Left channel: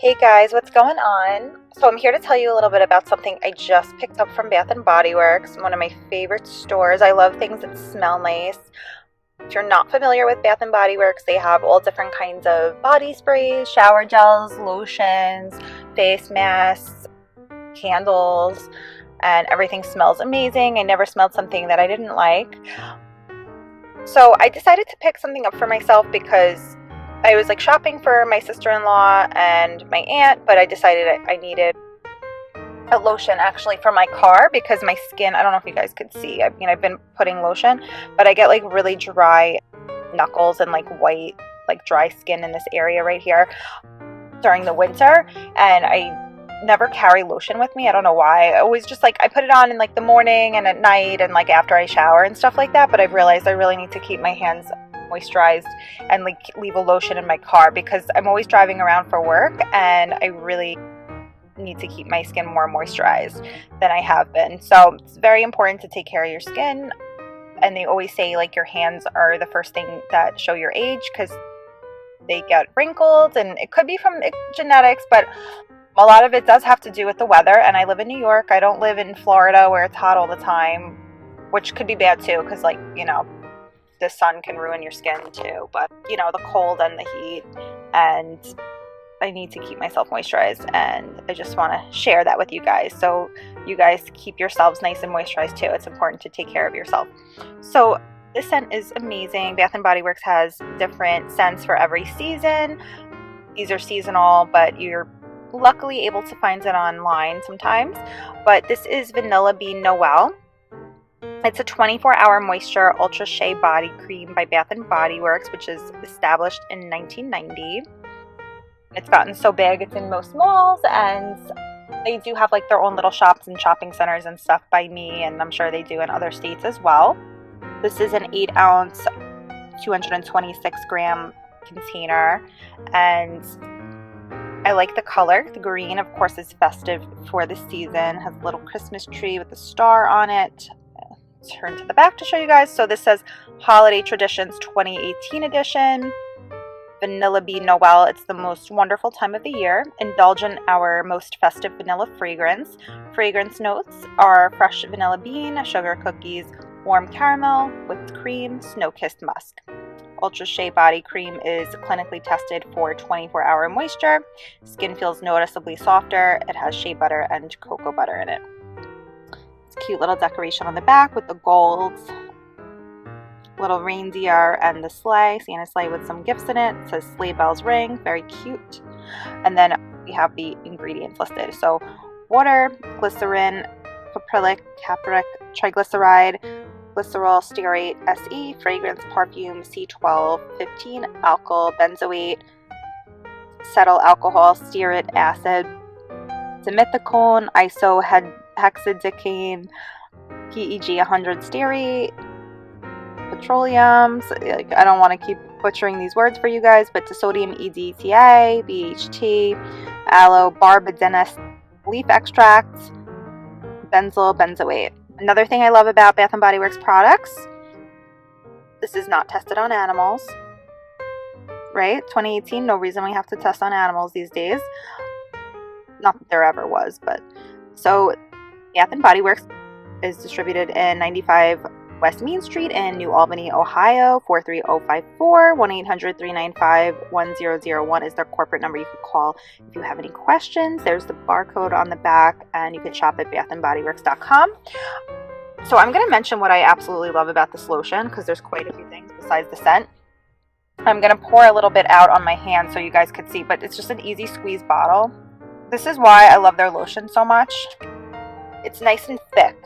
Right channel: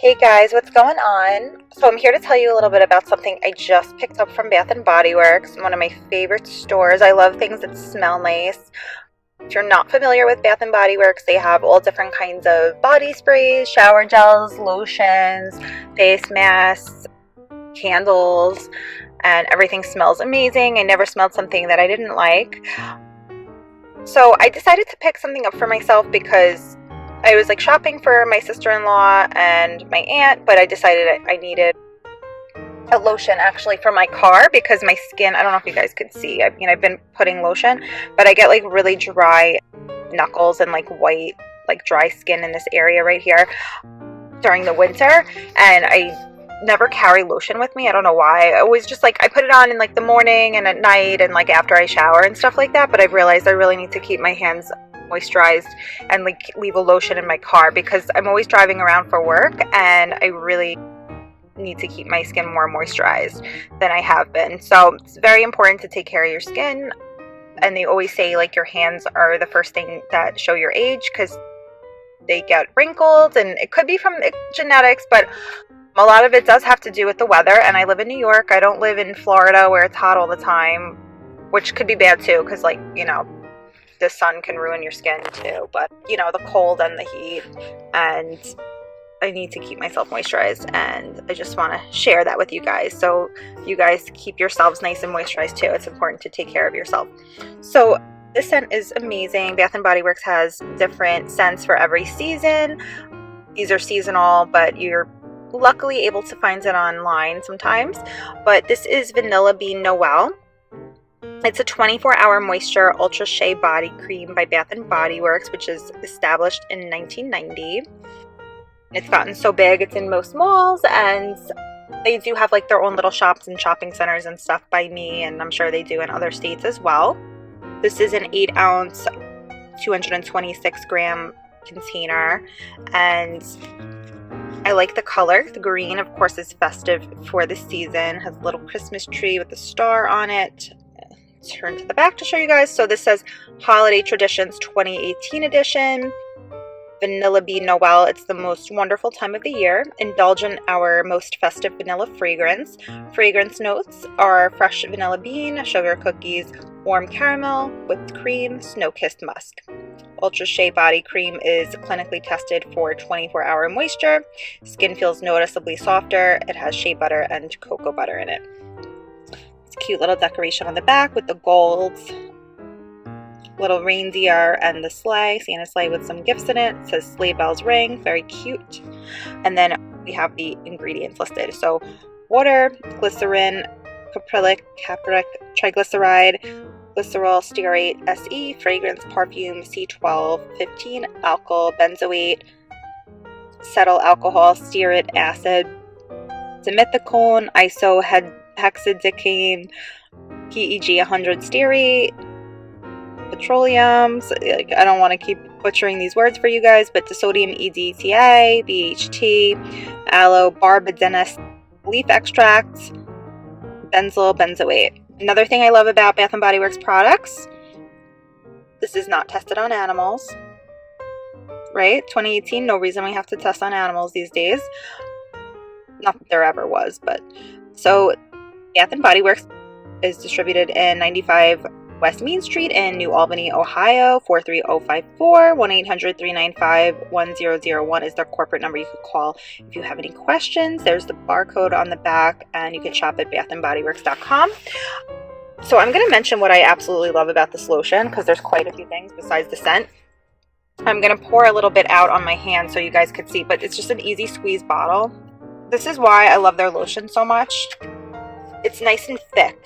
Hey guys, what's going on? So I'm here to tell you a little bit about something I just picked up from Bath and Body Works, one of my favorite stores. I love things that smell nice. If you're not familiar with Bath and Body Works, they have all different kinds of body sprays, shower gels, lotions, face masks, candles, and everything smells amazing. I never smelled something that I didn't like. So I decided to pick something up for myself because I was like shopping for my sister-in-law and my aunt, but I decided I needed a lotion actually for my car because my skin, I don't know if you guys could see, I've been putting lotion, but I get like really dry knuckles and like white, like dry skin in this area right here during the winter, and I never carry lotion with me. I don't know why. I always just like I put it on in like the morning and at night and like after I shower and stuff like that, but I've realized I really need to keep my hands moisturized and like leave a lotion in my car because I'm always driving around for work and I really need to keep my skin more moisturized than I have been. So it's very important to take care of your skin, and they always say like your hands are the first thing that show your age because they get wrinkled, and it could be from genetics, but a lot of it does have to do with the weather. And I live in New York. I don't live in Florida where it's hot all the time, which could be bad too because like, the sun can ruin your skin too, but the cold and the heat, and I need to keep myself moisturized, and I just want to share that with you guys so you guys keep yourselves nice and moisturized too. It's important to take care of yourself. So this scent is amazing. Bath and Body Works has different scents for every season. These are seasonal, but you're luckily able to find it online sometimes. But this is Vanilla Bean Noel. It's a 24-hour moisture ultra shea body cream by Bath and Body Works, which is established in 1990. It's gotten so big, it's in most malls, and they do have like their own little shops and shopping centers and stuff by me, and I'm sure they do in other states as well. This is an 8-ounce, 226-gram container, and I like the color. The green, of course, is festive for the season. Has a little Christmas tree with a star on it. Turn to the back to show you guys. So this says Holiday Traditions 2018 edition. Vanilla Bean Noel. It's the most wonderful time of the year. Indulge in our most festive vanilla fragrance. Fragrance notes are fresh vanilla bean, sugar cookies, warm caramel, whipped cream, snow-kissed musk. Ultra Shea Body Cream is clinically tested for 24-hour moisture. Skin feels noticeably softer. It has shea butter and cocoa butter in it. It's a cute little decoration on the back with the gold little reindeer and the sleigh, Santa sleigh with some gifts in it. It says sleigh bells ring, very cute. And then we have the ingredients listed. So water, glycerin, caprylic, triglyceride, glycerol, stearate, SE, fragrance, perfume, C12, 15, alkyl, benzoate, cetyl alcohol, stearic acid, dimethicone, isohexadecane, PEG 100 stearate, petroleum. So, I don't want to keep butchering these words for you guys, but disodium EDTA, BHT, aloe barbadennis leaf extract, benzyl benzoate. Another thing I love about Bath and Body Works products, this is not tested on animals, right? 2018, no reason we have to test on animals these days. Not that there ever was, but so Bath and Body Works is distributed in 95 West Main Street in New Albany, Ohio, 43054. 1-800-395-1001 is their corporate number you could call if you have any questions. There's the barcode on the back, and you can shop at bathandbodyworks.com. So I'm going to mention what I absolutely love about this lotion because there's quite a few things besides the scent. I'm going to pour a little bit out on my hand so you guys could see, but it's just an easy squeeze bottle. This is why I love their lotion so much. It's nice and thick.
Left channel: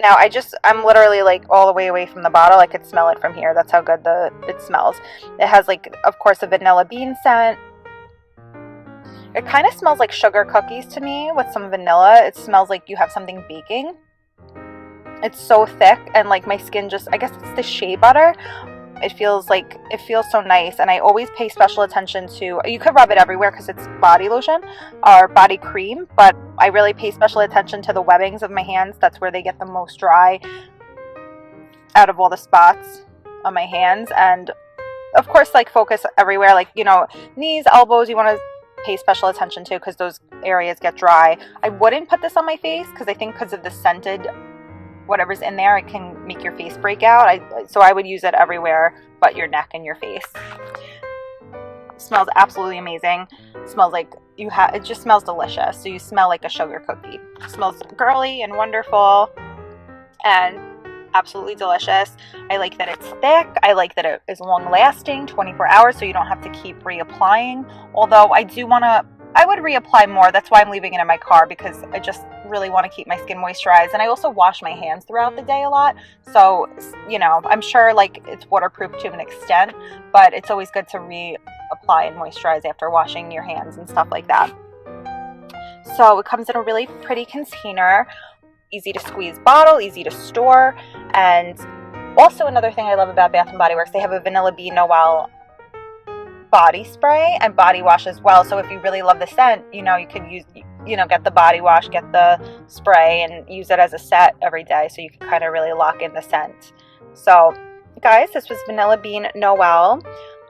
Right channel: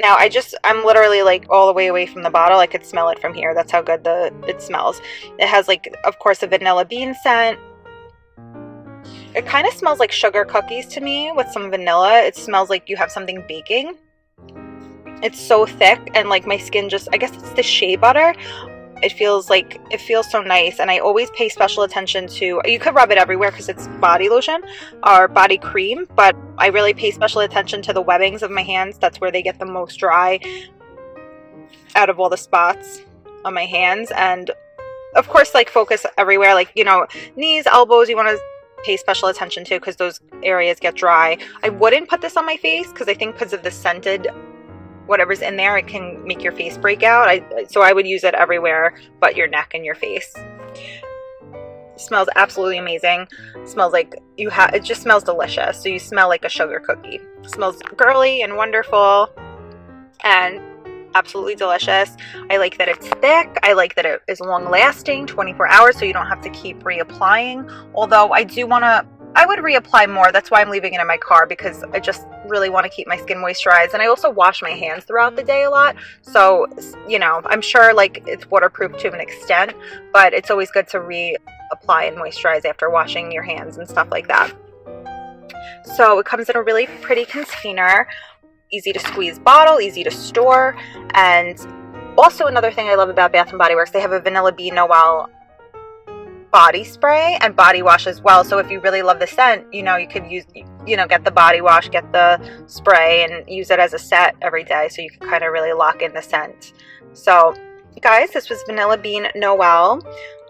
Now I'm literally like all the way away from the bottle. I could smell it from here. That's how good it smells. It has like, of course, a vanilla bean scent. It kind of smells like sugar cookies to me with some vanilla. It smells like you have something baking. It's so thick, and like my skin just, I guess it's the shea butter. It feels so nice, and I always pay special attention to, you could rub it everywhere because it's body lotion or body cream, but I really pay special attention to the webbings of my hands. That's where they get the most dry out of all the spots on my hands. And of course, like focus everywhere, like, knees, elbows, you want to pay special attention to because those areas get dry. I wouldn't put this on my face because I think because of the scented whatever's in there, it can make your face break out. So I would use it everywhere but your neck and your face. It smells absolutely amazing. It smells like it just smells delicious. So you smell like a sugar cookie. It smells girly and wonderful and absolutely delicious. I like that it's thick. I like that it is long lasting, 24 hours, so you don't have to keep reapplying. Although I would reapply more. That's why I'm leaving it in my car, because I just really want to keep my skin moisturized. And I also wash my hands throughout the day a lot. So, you know, I'm sure like it's waterproof to an extent, but it's always good to reapply and moisturize after washing your hands and stuff like that. So it comes in a really pretty container. Easy to squeeze bottle, easy to store. And also another thing I love about Bath & Body Works, they have a Vanilla Bean Noel body spray and body wash as well. So if you really love the scent, you know, you could use, you know, get the body wash, get the spray, and use it as a set every day, so you can kind of really lock in the scent. So guys, this was Vanilla Bean Noel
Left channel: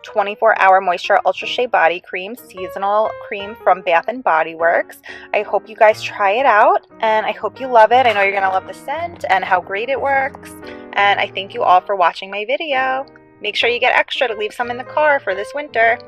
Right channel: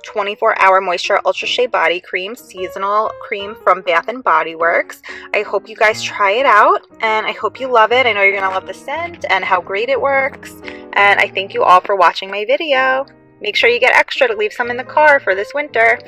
24-hour moisture ultra shea body cream, seasonal cream from Bath & Body Works. I hope you guys try it out, and I hope you love it. I know you're gonna love the scent and how great it works, and I thank you all for watching my video. Make sure you get extra to leave some in the car for this winter.